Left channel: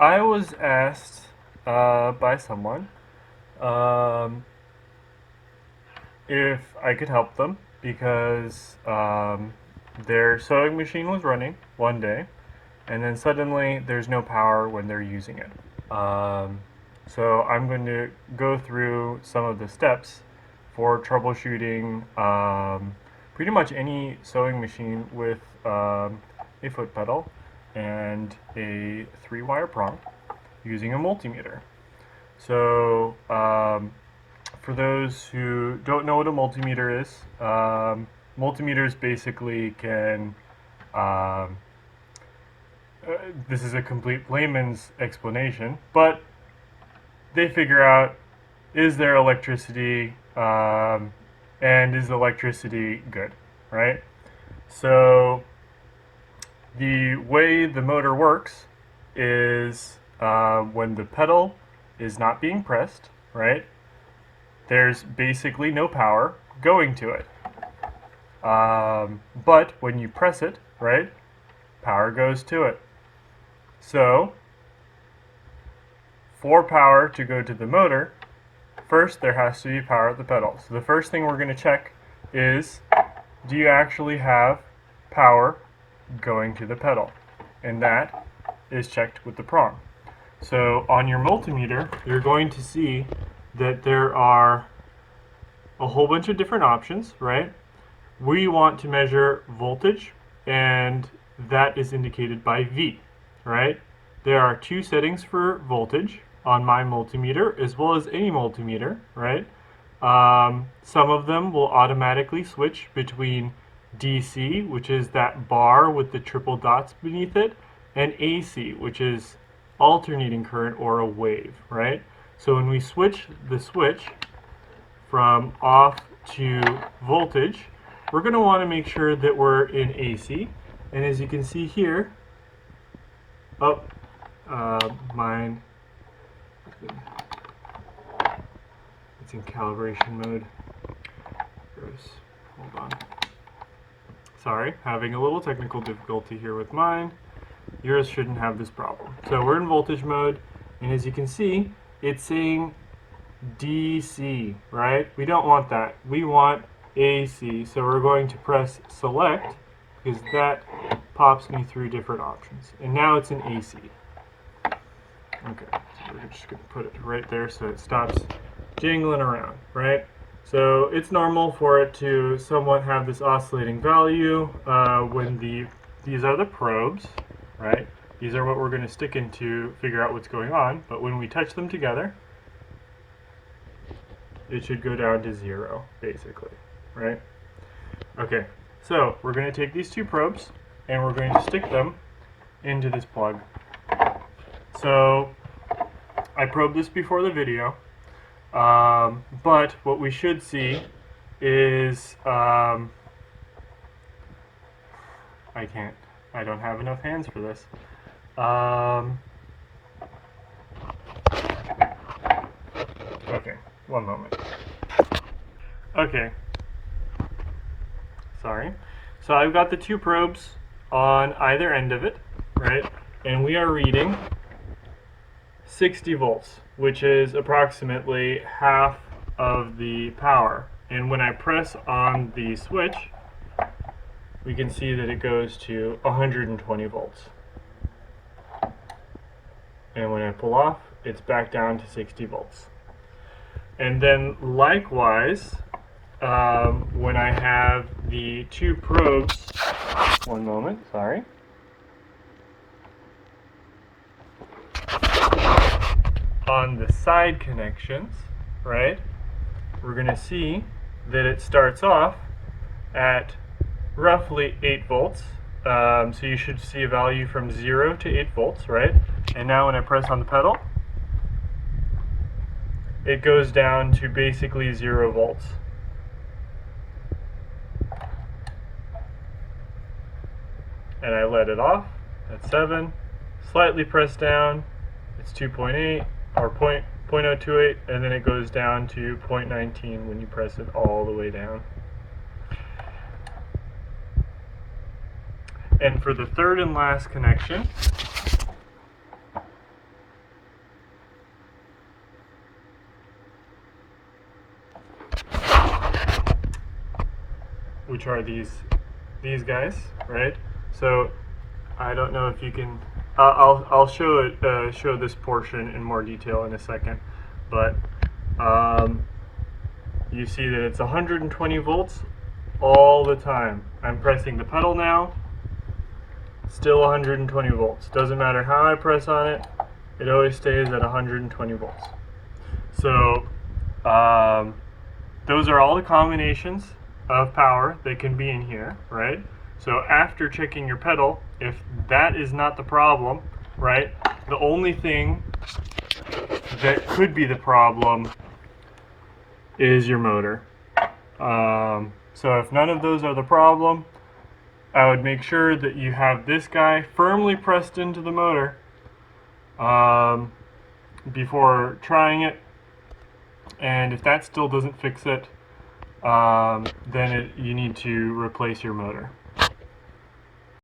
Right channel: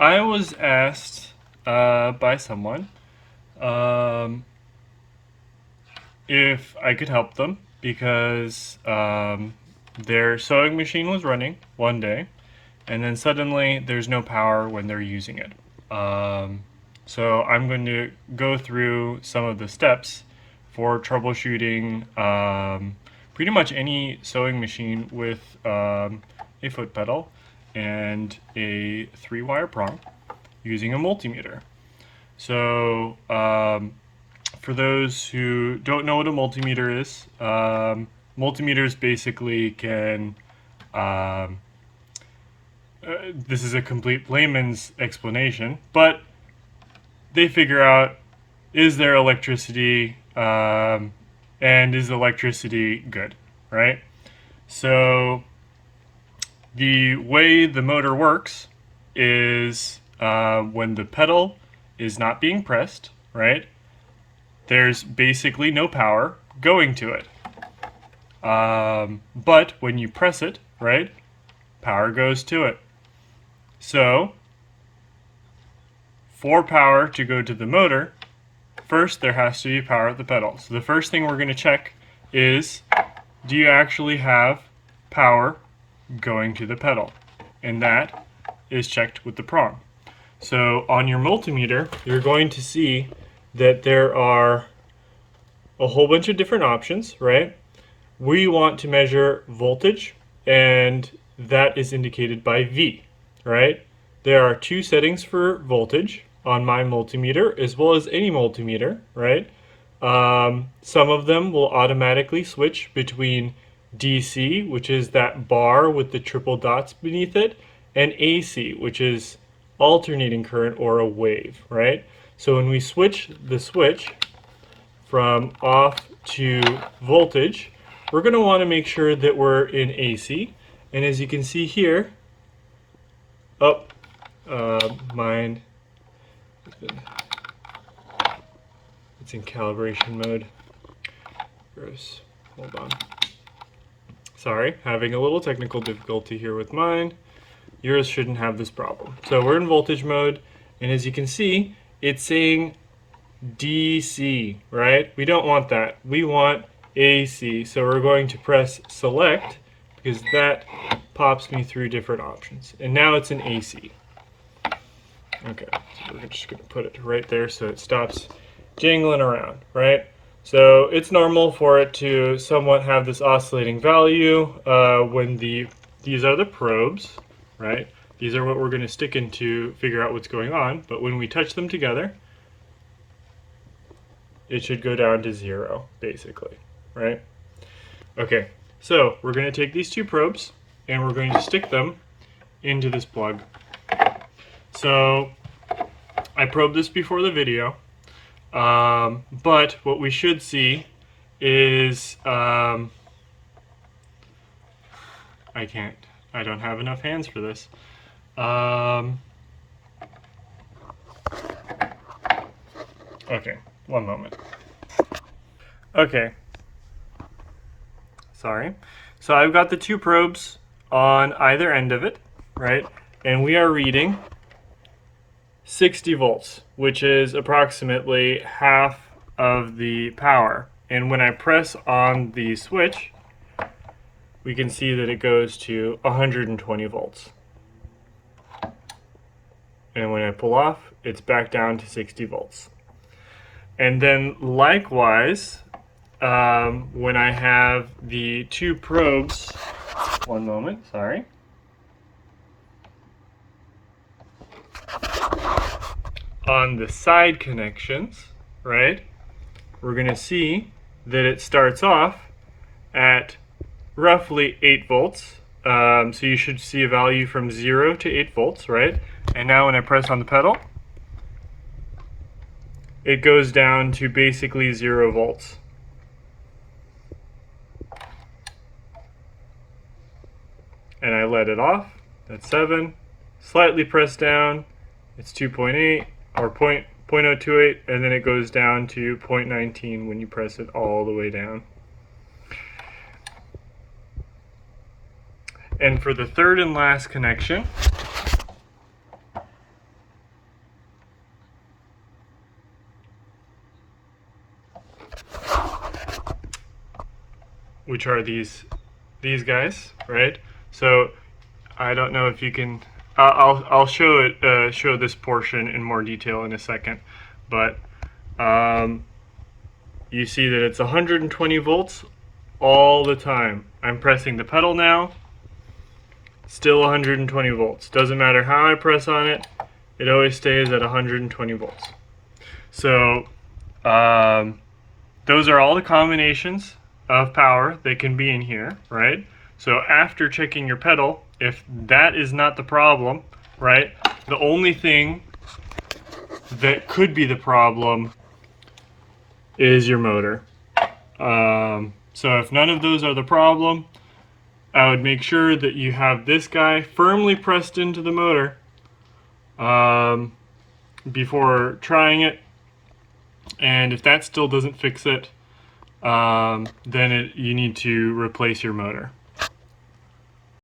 I was asked by someone um, if I could help them because their sewing machine was running one day, and then suddenly there's no power when they're using it. So I'm going to go through some of the steps for troubleshooting pretty much any sewing machine with a foot pedal and a 3-wire prong using a multimeter. So for those who don't know what a multimeter is, multimeters basically can this is a complete layman's explanation, but they figure out, is there electricity and is electricity good, right? So the way the motor works is when the pedal is not being pressed, right? There's basically no power going to it. But when you press it, right, power goes to it. So for power to go to the motor, first there has to be power at the pedal. So the first thing we're going to check is, do you actually have power going to the pedal? And that is checked with the prong. So on your multimeter, you're going to see that there are a whole bunch of different options, right? We want to measure voltage, and that is indicated by V, right? There are two settings for voltage on my multimeter, as well as any multimeter, right? Some of them will automatically switch between DC, which is that bar with the triple dots beneath it, and AC, which is alternating current or a wave, right? So when we switch the switch from off to voltage, we're going to want to make sure that we're in AC. And as you can see here, mine, it's in calibration mode. Gross. Hold on. Sorry, having a little technical difficulty here with mine. Yours shouldn't have this problem. So we're in voltage mode, and as you can see, it's saying DC, right? We don't want that. We want AC. So we're going to press select because that pops me through different options. And now it's in AC. Okay, so we're just going to put it right there so it stops jingling around, right? So it's normal for it to somewhat have this oscillating value when these are the probes, right? These are what we're going to stick in to figure out what's going on, but when we touch them together, it should go down to 0, basically, right? Okay, so we're going to take these two probes and we're going to stick them into this plug. So I probed this before the video, but what we should see is I don't have enough hands for this. Okay, one moment. Okay, sorry. So I've got the two probes on either end of it, right? And we are reading 60 volts, which is approximately half of the power. And when I press on the switch, we can see that it goes to 120 volts. And when I pull off, it's back down to 60 volts. And then likewise, when I have the two probes, one moment, sorry. On the side connections, right, we're going to see that it starts off at roughly 8 volts. So you should see a value from 0 to 8 volts, right? And now when I press on the pedal, it goes down to basically 0 volts. And I let it off at 7, slightly press down, it's 2.8 or 0.028, and then it goes down to 0.19 when you press it all the way down. And for the third and last connection, which are these guys, right? So I don't know if you can. I'll show it. Show this portion in more detail in a second, but you see that it's 120 volts all the time. I'm pressing the pedal now. Still 120 volts. Doesn't matter how I press on it. It always stays at 120 volts. So those are all the combinations of power that can be in here, right? So after checking your pedal, if that is not the problem, right, the only thing that could be the problem is your motor. So if none of those are the problem, I would make sure that you have this guy firmly pressed into the motor before trying it. And if that still doesn't fix it, then you need to replace your motor.